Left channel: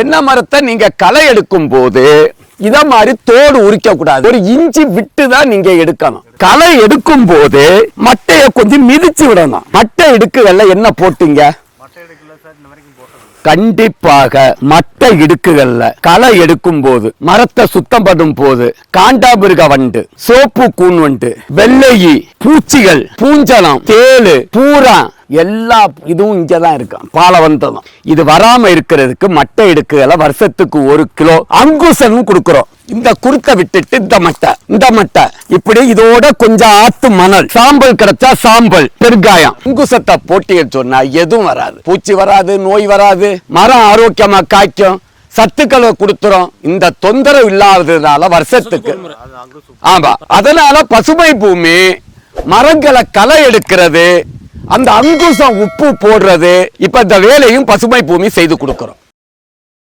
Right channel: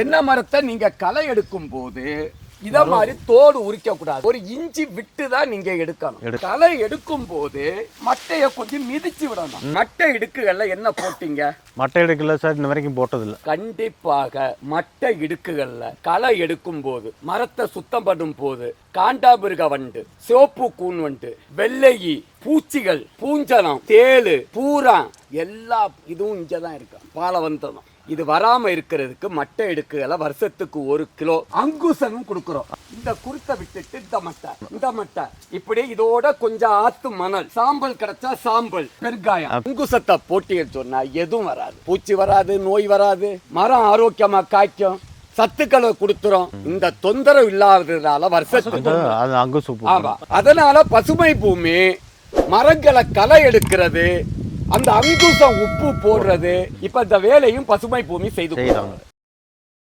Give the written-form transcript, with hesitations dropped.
தென்னை மரத்தை நீங்க களை எடுக்கும் போது இத மாதிரி தோடு உரிக்க கூடாது. ஒரு இன்ச்சு விட்டு தான் நீங்க எடுக்கணும். களை எடுக்கும் போது மட்டைய கொஞ்சம் மிதிச்சு விடணும். மட்டை இடுக்குகள்ல என்ன போட்டீங்க? மட்டை இடுக்குல சார் இன்ன வரைக்கும் போட்டதில்லை. கண்டிப்பாக மட்டை இடுக்குகள்ல களை எடுக்கும் போது, மரத்தை சுத்தம் பண்ணும் போது, காண்டாமிருக வண்டு, சோப்பு கூன் வண்டு, வெள்ளையி, பூச்சிகள், பூஞ்சலம், தேளு, பூரா எல்லா இதுவும் இங்கதான் இருக்கும். பாலவந்தம் இது வராம இருக்கிறதுக்கு மட்டை இடுக்குகளை வருஷத்துக்கு 1 கிலோ அங்குசனும் கொடுக்கிறோம். இந்த குருத்தை விட்டுட்டு இந்த மட்டை இப்படி இதோட கொஞ்சம் ஆத்து மணல், சாம்பல் கிடைச்சா சாம்பல், பெருங்காயம், அங்குசத்தை போட்டின்னு சொன்னா எதுவும் வராது. பூச்சி வராது, நோய் வராது, மரம் ஆரோக்கியமா காய்க்கும், சத்துக்களை கொடுத்துரும். இந்த தொந்தரவு இல்லாததுனால வருஷத்துக்கு ஆமா. அதனால பசுமை பூமி மரங்களை களை எடுக்கிறது, அந்த அங்குசம் உப்பு போடுறது, இப்ப இந்த வேலையும் பசுமை பூமி செய்து கொடுக்கிறோம்.